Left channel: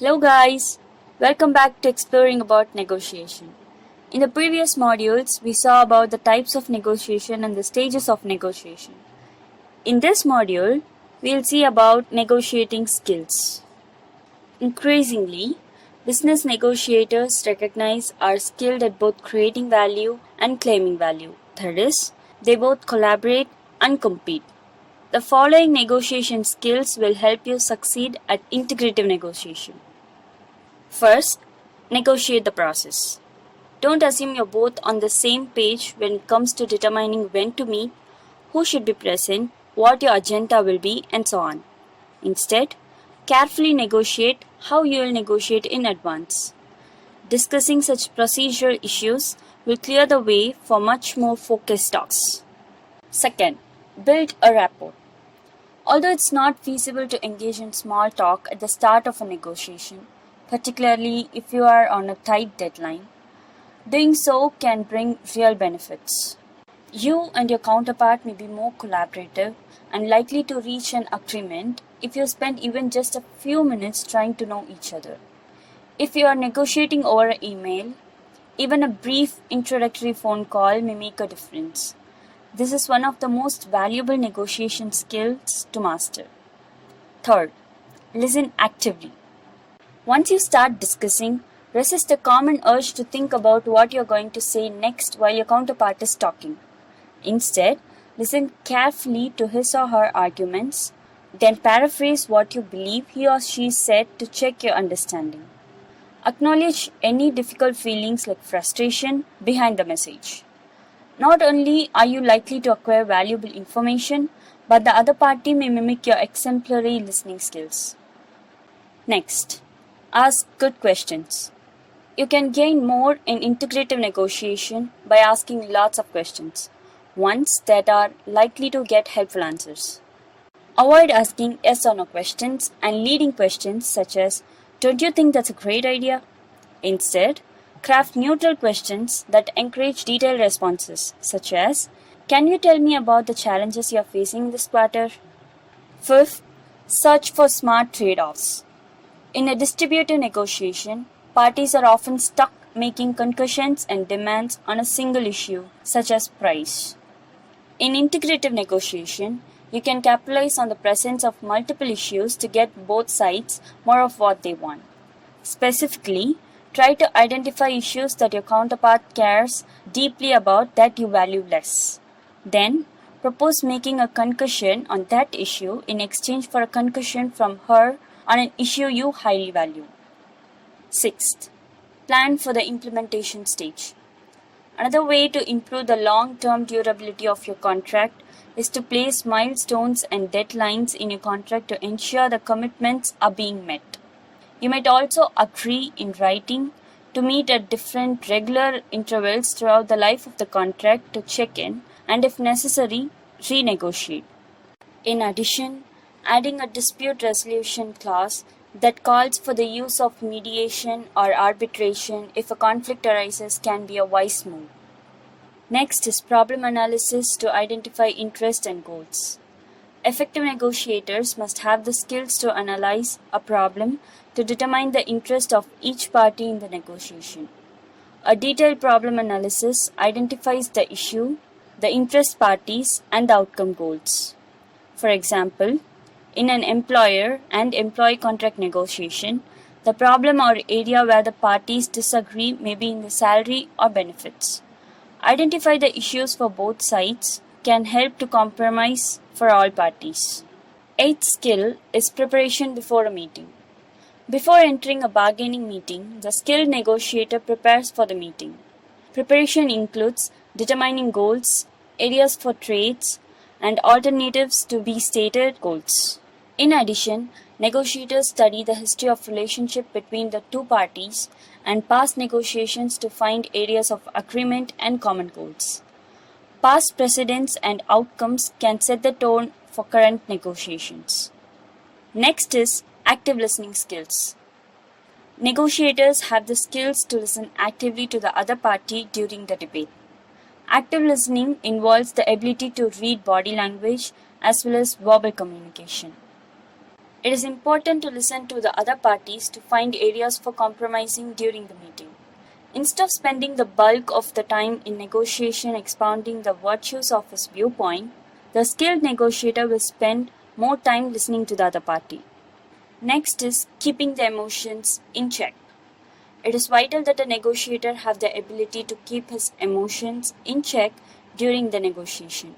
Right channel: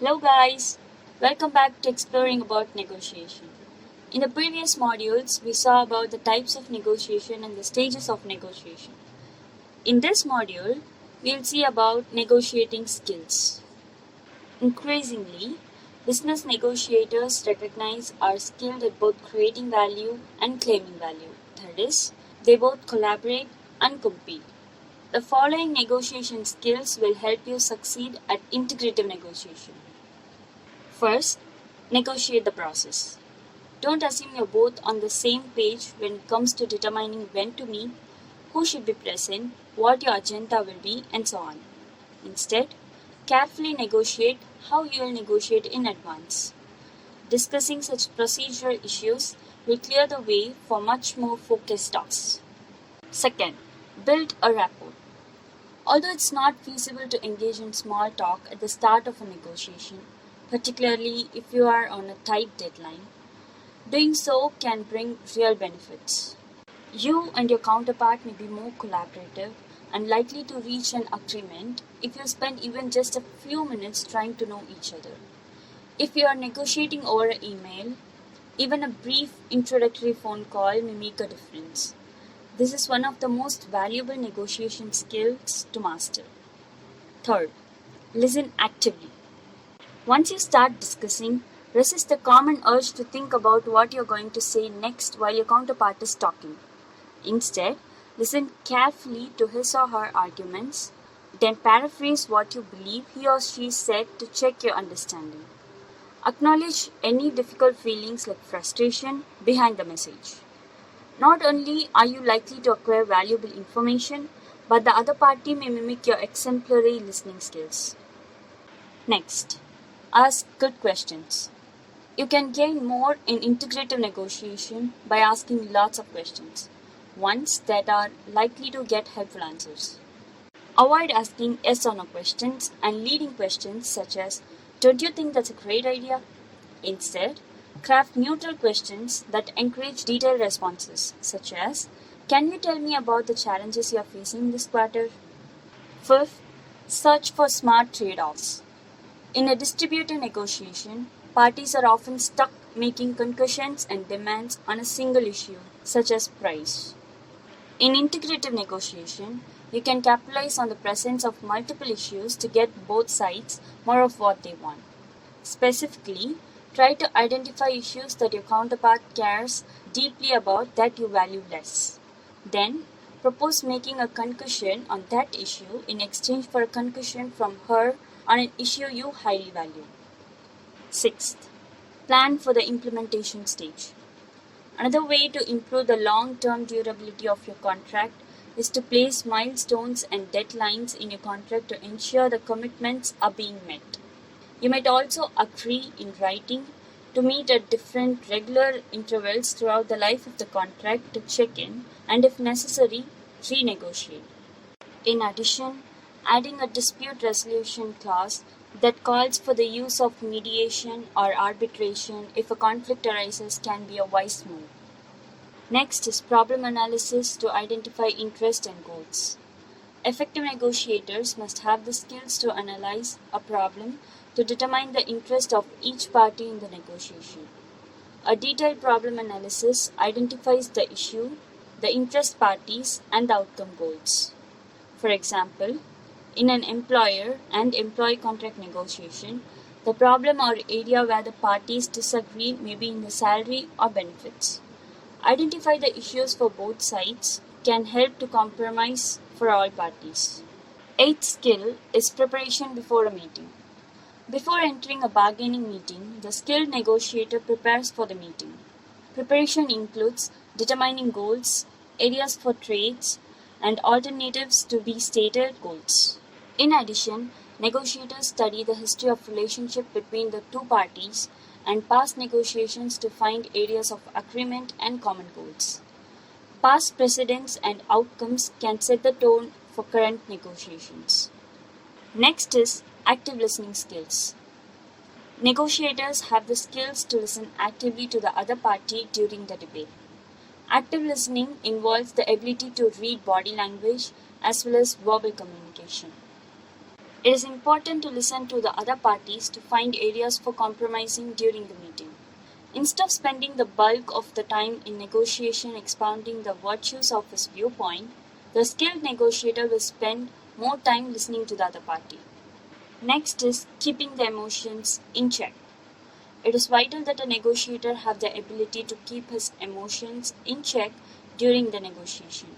Hello guys, welcome back to exploring about negotiation. In the previous modules, we saw about the types of negotiation and the stages of negotiation. In this module, we'll see about negotiating skills. Increasingly, business negotiators recognize are skilled at both creating value and claiming value. That is, they both collaborate and compete. The following negotiation skills will help you succeed at integrative negotiation. First, negotiate the process. Don't assume you're both on the same page when it comes to determining when to meet, who should be present, what your agenda will be, and so on. Instead, carefully negotiate how you will negotiate in advance. Discussing such procedural issues will clear the way for much more focused talks. Second, build a rapport. Although it's not feasible to engage in small talk at the start of a negotiation, particularly if you are on a tight deadline, doing so can bring real benefits. You and your counterpart may be more collaborative and likely to reach an agreement if you spend even just a few minutes trying to know each other. If you are negotiating over email, even a brief introductory phone call may make a difference. This is one of the most valuable negotiation skills to master. Third, listen actively. Once you start discussing, resist the common urge to think about what you're going to say next while your counterpart is talking. Instead, listen carefully to his or her arguments, then paraphrase what you believe he or she said to check your understanding. Acknowledge any difficult feelings like frustration behind the message. Not only are you likely to acquire valuable information, but the other party may mimic your exemplary listening skills. Next, ask good questions. You can gain more in integrative negotiation by asking lots of questions, ones that are likely to get helpful answers. Avoid asking yes or no questions and leading questions such as, "Don't you think that's a great idea?" Instead, craft neutral questions that encourage detailed responses, such as, "Can you tell me about the challenges you're facing this quarter?" Fifth, search for smart trade-offs. In a distributed negotiation, parties are often stuck making concessions and demands on a single issue, such as price. In integrative negotiation, you can capitalize on the presence of multiple issues to get both sides more of what they want. Specifically, try to identify issues that your counterpart cares deeply about that you value less. Then, propose making a concession on that issue in exchange for a concession from her on an issue you highly value. Sixth, plan for the implementation stage. Another way to improve the long-term durability of your contract is to place milestones and deadlines in your contract to ensure the commitments are being met. You might also agree in writing to meet at different regular intervals throughout the life of the contract to check in and, if necessary, renegotiate. In addition, adding a dispute resolution clause that calls for the use of mediation or arbitration if a conflict arises can be a wise move. Next is problem analysis to identify interest and goals. Effective negotiators must have the skills to analyze a problem to determine the interest of each party in the negotiation. A detailed problem analysis identifies the issue, the interest parties, and the outcome goals. For example, in an employer and employee contract negotiation, the problem or area where the parties disagree may be in the salary or benefits. Identify the issues for both sides can help to compromise for all parties. Eighth skill is preparation before a meeting. Before entering a bargaining meeting, the skilled negotiator prepares for the meeting. Preparation includes determining goals, areas for trades, and alternatives to be stated goals. In addition, negotiators study the history of relationship between the two parties and past negotiations to find areas of agreement and common goals. Past precedents and outcomes can set the tone for current negotiations. Next is active listening skills. Negotiators have the skills to listen actively to the other party during the debate. Active listening involves the ability to read body language as well as verbal communication. It is important to listen to the other parties to find areas for compromising during the meeting. Instead of spending the bulk of the time in negotiation expounding the virtues of his viewpoint, the skilled negotiator will spend more time listening to the other party. Next is keeping the emotions in check. It is vital that a negotiator have the ability to keep his emotions in check during the negotiation.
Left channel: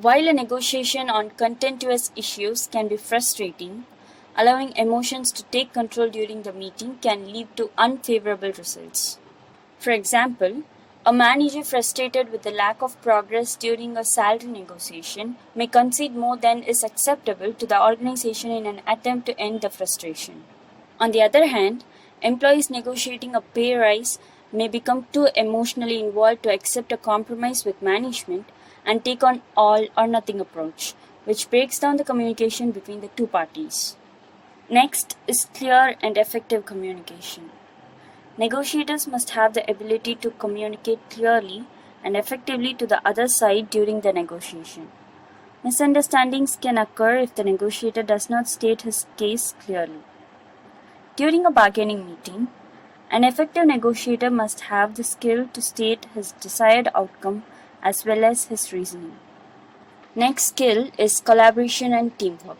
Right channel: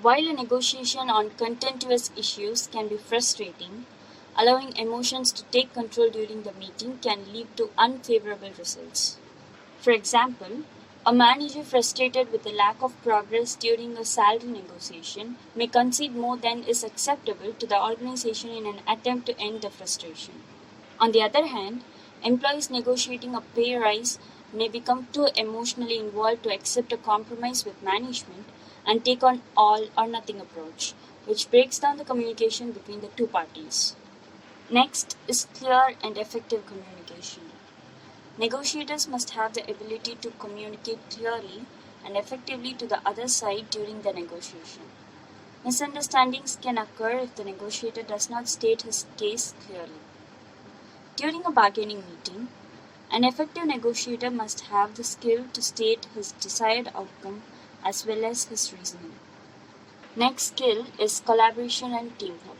While a negotiation on contentious issues can be frustrating, allowing emotions to take control during the meeting can lead to unfavorable results. For example, a manager frustrated with the lack of progress during a salary negotiation may concede more than is acceptable to the organization in an attempt to end the frustration. On the other hand, employees negotiating a pay rise may become too emotionally involved to accept a compromise with management and take on all or nothing approach, which breaks down the communication between the two parties. Next is clear and effective communication. Negotiators must have the ability to communicate clearly and effectively to the other side during the negotiation. Misunderstandings can occur if the negotiator does not state his case clearly. During a bargaining meeting, an effective negotiator must have the skill to state his desired outcome as well as his reasoning. Next skill is collaboration and teamwork.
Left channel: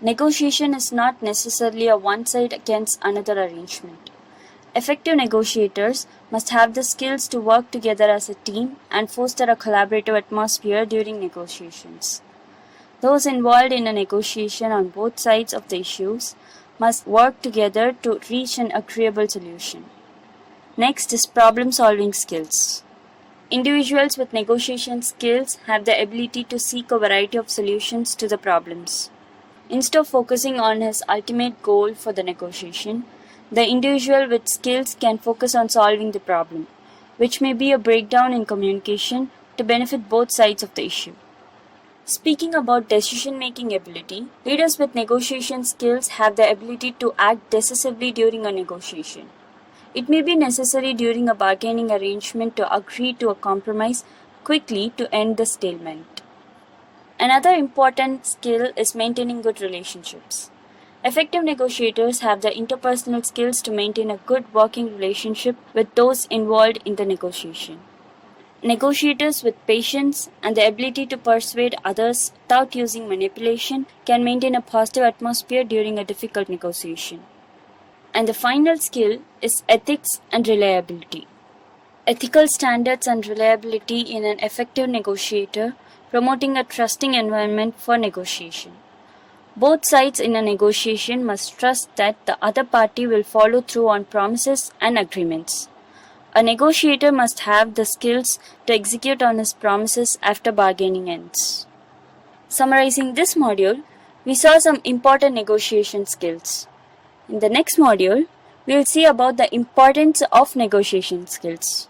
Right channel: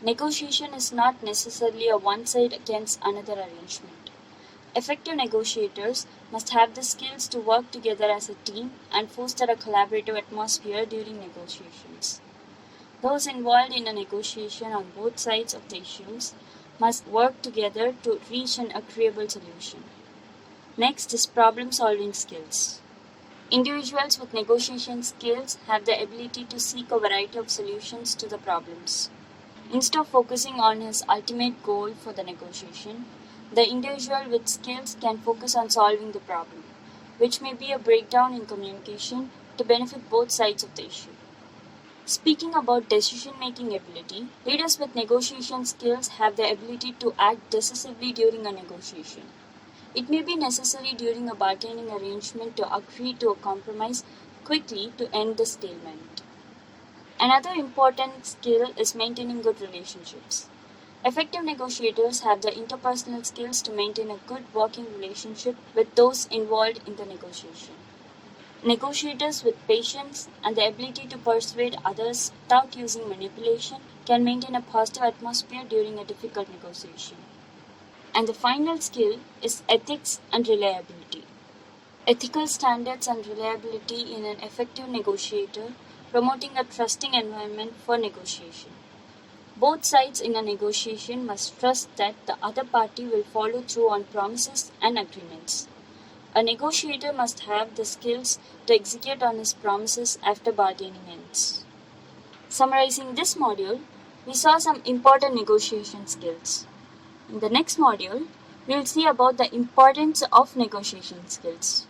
Negotiation is not necessarily a one side against another arrangement. Effective negotiators must have the skills to work together as a team and foster a collaborative atmosphere during negotiations. Those involved in a negotiation on both sides of the issues must work together to reach an agreeable solution. Next is problem-solving skills. Individuals with negotiation skills have the ability to seek a variety of solutions to the problems. Instead of focusing on his ultimate goal for the negotiation, the individual with skills can focus on solving the problem, which may be a breakdown in communication to benefit both sides of the issue. Speaking about decision-making ability, leaders with negotiation skills have the ability to act decisively during a negotiation. It may be necessary during a bargaining arrangement to agree to a compromise quickly to end the stalemate. Another important skill is maintaining good relationships. Effective negotiators have the interpersonal skills to maintain a good working relationship with those involved in the negotiation. Negotiators with patience and the ability to persuade others without using manipulation can maintain a positive atmosphere during a difficult negotiation. And the final skill is ethics and reliability. Ethical standards and reliability in an effective negotiator, promoting a trusting environment for negotiation. Both sides in a negotiation must trust that the other party will follow through on promises and agreements. A negotiator must have the skills to execute on his promises after bargaining ends. Summarizing this module, we saw some important negotiation skills. In the next module, we will see about the importance of negotiation skills.